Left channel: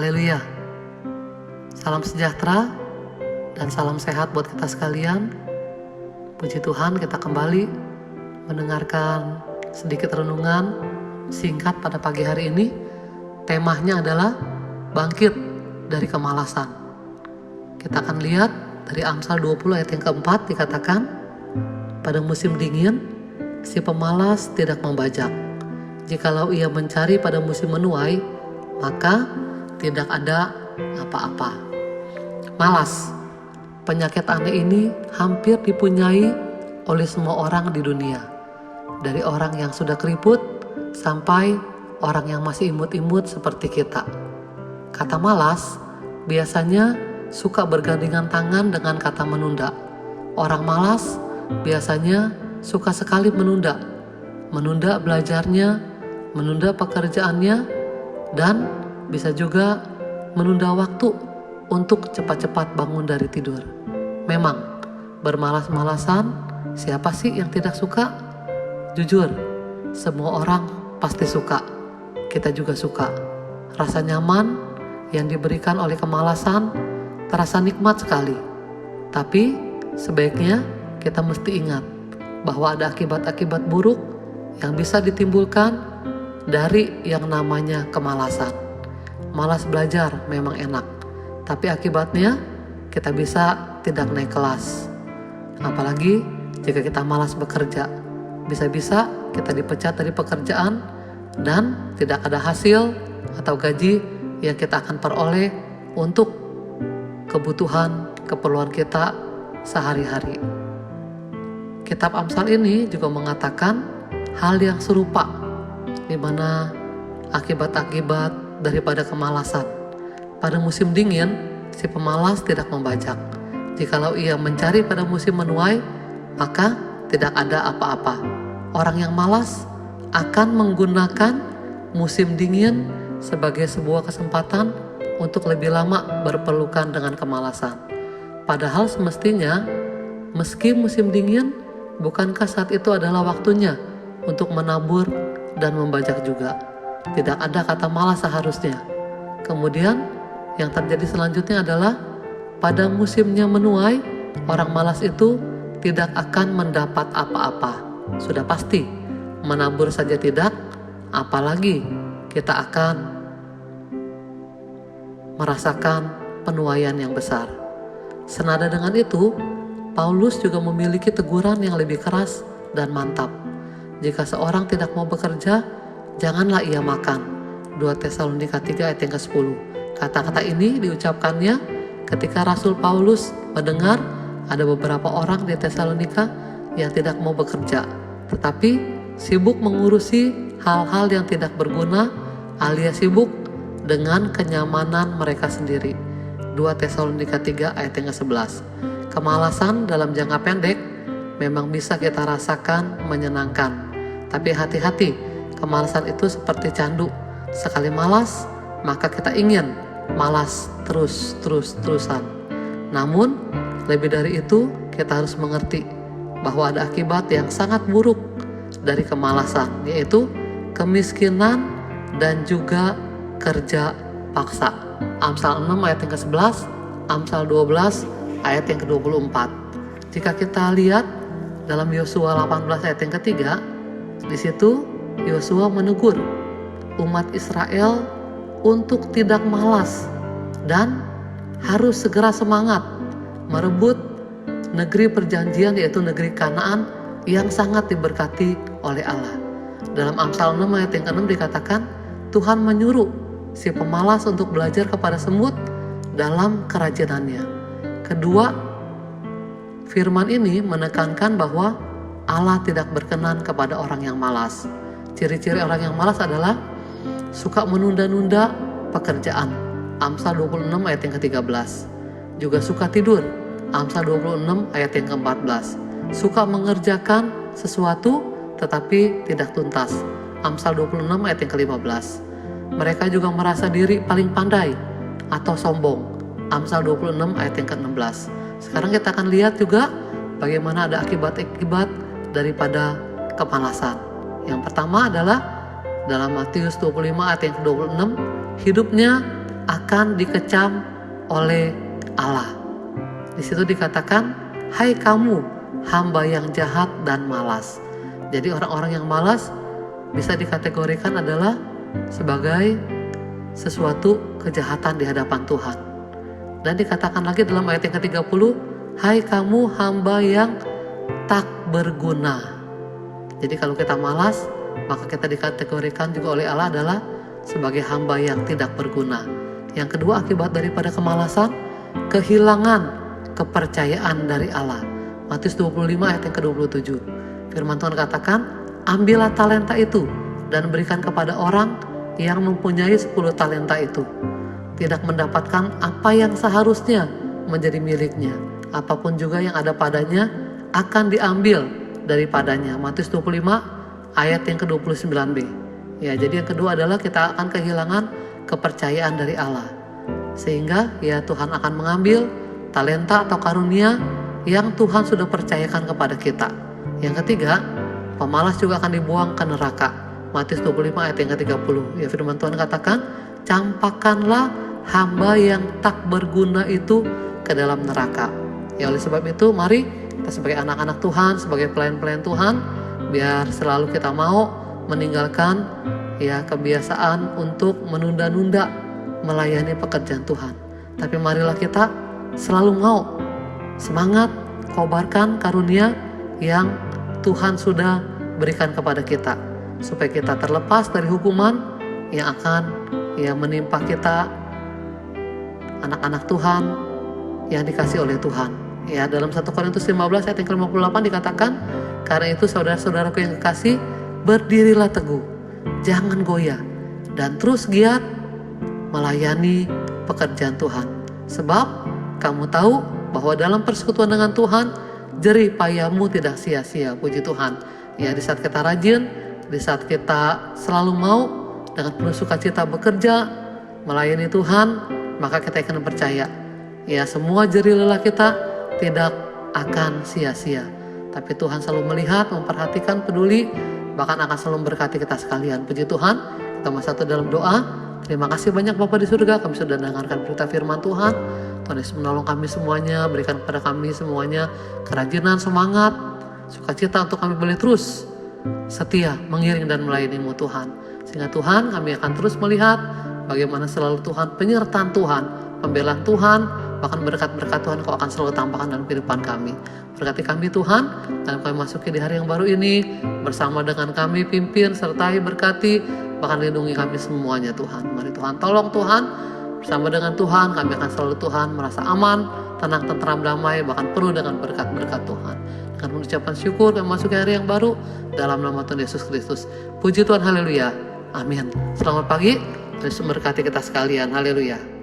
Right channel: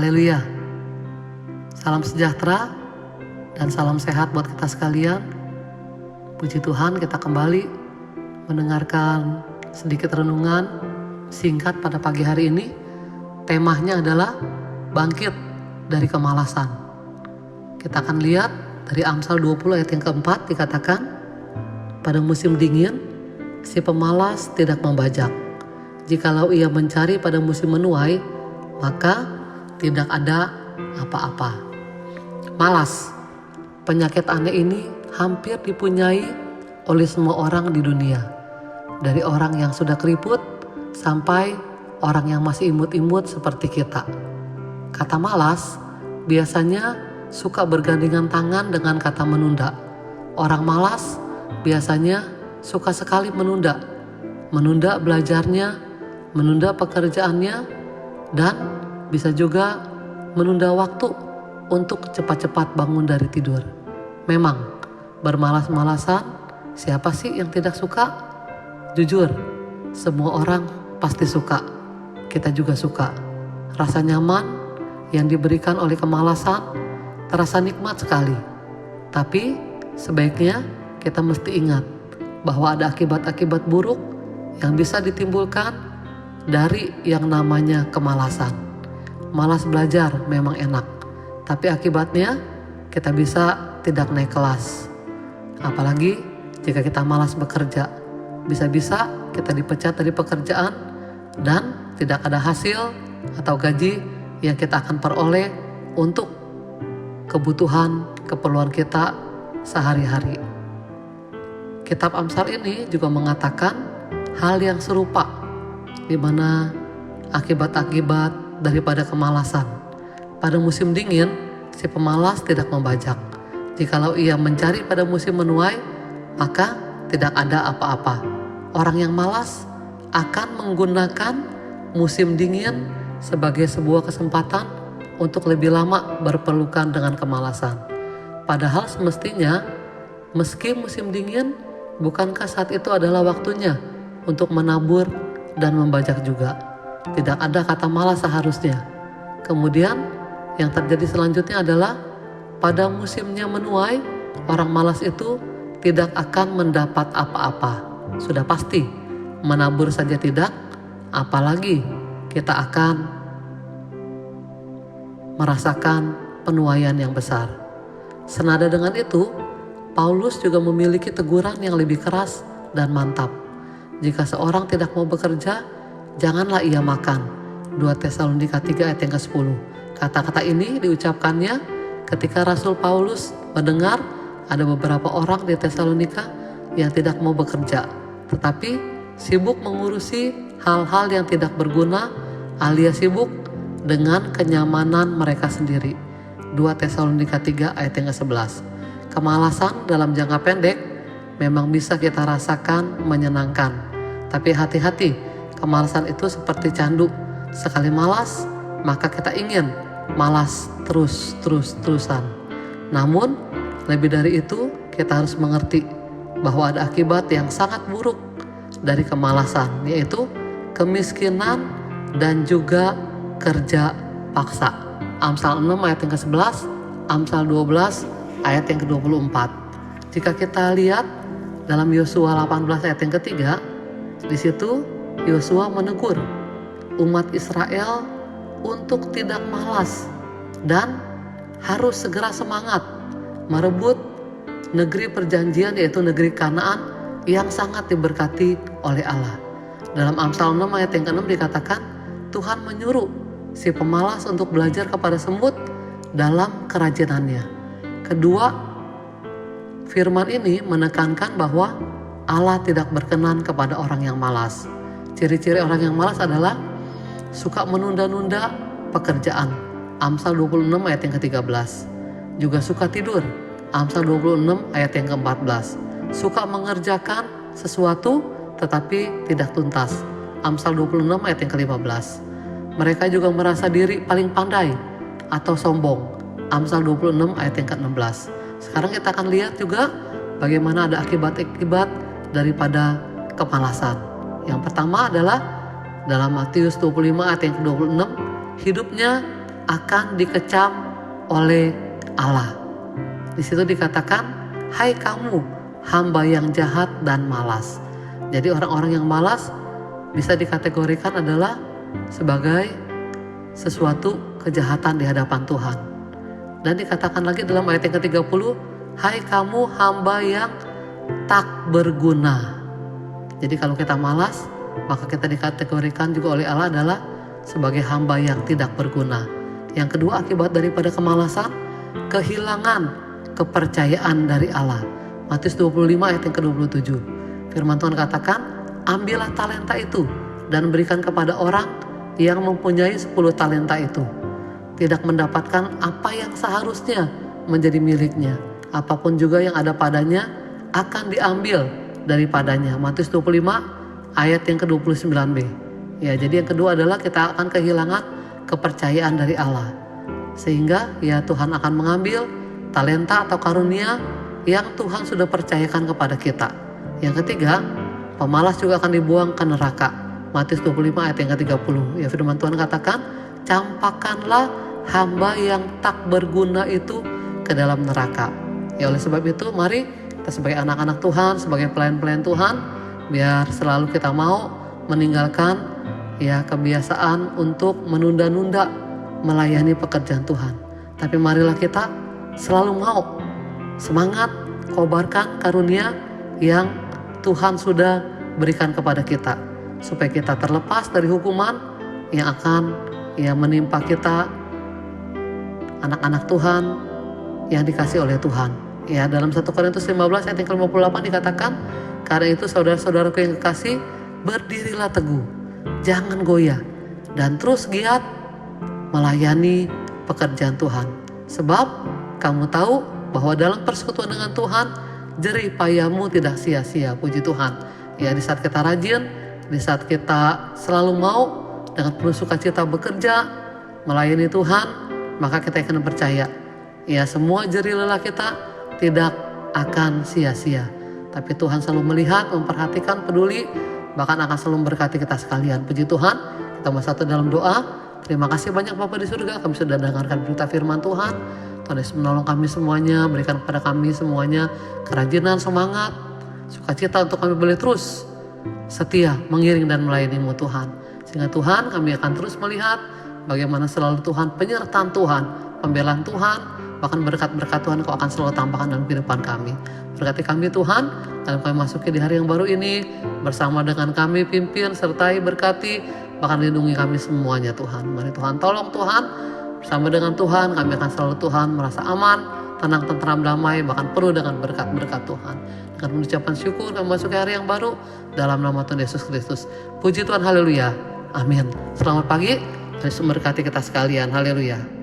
Haleluya. Salam sejahtera dan salam sehat buat kita sekalian. Puji Tuhan, kita kembali mendengarkan sedikit renungan singkat pada pagi hari ini. Temanya adalah bangkit dari kemalasan. Kita akan lihat dari Amsal 20 ayat yang keempat, dikatakan, pada musim dingin si pemalas tidak membajak. Jikalau ia mencari pada musim menuai, maka tidak ada apa-apa. Malas, penyakit aneh ini hampir dipunyai oleh semua orang di dunia. Dari orang yang sudah keriput sampai orang yang masih imut-imut seperti kita. Kata malas biasanya suka bergandengan tangan dengan kata menunda. Orang malas biasanya suka sekali menunda belajarnya, menunda pekerjaannya, dan bisa juga menunda waktu untuk cepat-cepat bangun dari tidur. Memang bermalas-malasan, siapa sih yang tidak suka? Jujur, semua orang pasti suka. Kita juga suka. Rasa nyaman yang diberikan oleh kemalasan terasa nikmat sekali. Tapi sebaiknya kita mesti ingat bahwa ada akibat-akibat buruk yang bisa ditimbulkan dari yang namanya kemalasan. Malas belajar memang enak, tapi akibatnya kita bisa tidak naik kelas. Apalagi jika kita malas bekerja, bisa-bisa kita dipecat dari pekerjaan dan tidak ada hasil atau gaji yang kita akan peroleh untuk kebutuhan, keperluan kita sehari-hari. Kitab Amsal ini juga mengatakan hal yang serupa, di mana akibat-akibat daripada kemalasan. Pada musim dingin, si pemalas tidak membajak. Jikalau ia mencari pada musim menuai, maka tidak ada apa-apa. Orang yang malas akan menggunakan musim dingin sebagai sebuah kesempatan untuk lebih lama berpelukan dengan kemalasan. Padahal semestinya, meski musim dingin, bukankah saat itu adalah waktunya untuk menabur dan membajak juga? Tidak ada kata malas seharusnya. Kemudian yang terjadi selanjutnya adalah pada musimnya menuai, orang malas itu tidak akan mendapat apa-apa. Sudah pasti, menabur saja tidak, apalagi kita akan merasakan penuaian yang besar. Senada dengan itu, Paulus juga memiliki teguran yang lebih keras dan mantap. Jika seorang tidak mau bekerja, janganlah ia makan. 2 Tesalonika 3 ayat yang ke-10. Kata-kata ini diucapkannya ketika Rasul Paulus mendengar ada beberapa orang di Tesalonika yang tidak mau bekerja, tetapi sibuk mengurusi hal-hal yang tidak berguna alias sibuk dengan kenyamanan mereka sendiri. 2 Tesalonika 3 ayat yang ke-11. Kemalasan dalam jangka pendek memang bisa kita rasakan menyenangkan. Tapi hati-hati, kemalasan itu seperti candu. Sekali malas, maka kita ingin malas terus-terusan. Namun, lebih dari itu, kita harus mengerti bahwa ada akibat yang sangat buruk dari kemalasan, yaitu kemiskinan dan juga kerja paksa. Amsal 6 ayat yang ke-11, Amsal 12 ayat yang ke-24. Jika kita lihat dalam Yosua 18 ayat yang ketiga, di situ Yosua menegur umat Israel untuk tidak malas dan harus segera semangat merebut negeri perjanjian, yaitu negeri Kanaan yang sangat diberkati oleh Allah. Dalam Amsal 6 ayat yang ke-6 dikatakan, Tuhan menyuruh si pemalas untuk belajar kepada semut dalam kerajinannya. Kedua, firman ini menekankan bahwa Allah tidak berkenan kepada orang yang malas. Ciri-ciri orang yang malas adalah suka menunda-nunda pekerjaan. Amsal 26 ayat yang ke-13. Juga suka tidur. Amsal 26 ayat yang ke-14. Suka mengerjakan sesuatu tetapi tidak tuntas. Amsal 26 ayat yang ke-15. Mereka juga merasa diri paling pandai atau sombong. Amsal 26 ayat yang ke-16. Sekarang kita akan lihat juga bagaimana ada akibat-akibat daripada kemalasan. Yang pertama adalah dalam Matius 25 ayat yang ke-26, hidupnya akan dikecam oleh Allah. Di situ dikatakan, hai kamu hamba yang jahat dan malas. Jadi orang-orang yang malas bisa dikategorikan adalah sebagai sesuatu kejahatan di hadapan Tuhan. Dan dikatakan lagi dalam ayat yang ke-30, hai kamu hamba yang tak berguna. Jadi kalau kita malas, maka kita dikategorikan juga oleh Allah adalah sebagai hamba yang tidak berguna. Yang kedua, akibat daripada kemalasan, kehilangan kepercayaan dari Allah. Matius 25 ayat yang ke-27. Firman Tuhan katakan, ambillah talenta itu dan berikan kepada orang yang mempunyai 10 talenta itu. Tidak mendapatkan apa yang seharusnya menjadi miliknya. Apapun juga yang ada padanya akan diambil daripadanya. Matius 25 ayat yang ke-29b. Ya, jadi yang kedua adalah kita akan kehilangan kepercayaan dari Allah. Sehingga ya Tuhan akan mengambil talenta atau karunia yang Tuhan sudah percayakan kepada kita. Yang ketiga, pemalas juga akan dibuang ke neraka. Matius 25 ayat yang ke-30. Ya, firman Tuhan katakan, campakkanlah hamba yang tak berguna itu ke dalam neraka. Ya, oleh sebab itu mari kita sebagai anak-anak Tuhan, sebagai pelayan-pelayan Tuhan, biar selalu kita mau meninggalkan ya kebiasaan untuk menunda-nunda melayani pekerjaan Tuhan. Tapi marilah kita selalu mau semangat kobarkan karunia yang Tuhan sudah berikan kepada kita, supaya kita terlepas dari hukuman yang akan ya menimpa kita, anak-anak Tuhan yang dikasih oleh Tuhan. Ya, dalam 1 Korintus 15 ayat yang ke-58 dikatakan, karena itu saudara-saudaraku yang kekasih, berdirilah teguh, jangan goyah, dan terus giat melayani pekerjaan Tuhan. Sebab kamu tahu bahwa dalam persekutuan dengan Tuhan, jerih payahmu tidak sia-sia. Puji Tuhan. Ya, di saat kita rajin, di saat kita selalu mau dengan penuh sukacita bekerja, melayani Tuhan, maka kita akan percaya, ya semua jerih lelah kita tidak akan sia-sia. Tapi Tuhan selalu melihat, memperhatikan, peduli, bahkan akan selalu memberkati kita sekalian. Puji Tuhan. Kita bersatu dalam doa. Terima kasih banyak Bapa di surga, kami sudah dengarkan berita firman Tuhan. Tuhan Yesus menolong kami semuanya, berikan kepada kami semuanya kerajinan, semangat, sukacita untuk kami boleh terus setia mengiring dan melayani-Mu Tuhan. Sehingga Tuhan, kami akan terus melihat bagaimana selalu Tuhan, penyertaan Tuhan, pembelaan Tuhan, bahkan berkat-berkat Tuhan Kau akan selalu tambahkan dalam kehidupan kami. Berkati kami Tuhan, dalam kami masuki di hari yang baru ini, bersama dengan kami pimpin, sertai, berkati, bahkan lindungi kami semuanya Tuhan. Mari Tuhan tolong Tuhan, bersama dengan Tuhan kami akan selalu Tuhan merasa aman, tenang, tentram, damai, bahkan penuh dengan berkat-berkat Tuhan. Dengan mengucapkan syukur kami masuki hari yang baru, dalam nama Tuhan Yesus Kristus. Puji Tuhan, haleluya, amin. Selamat pagi, Yesus memberkati kita sekalian, haleluya.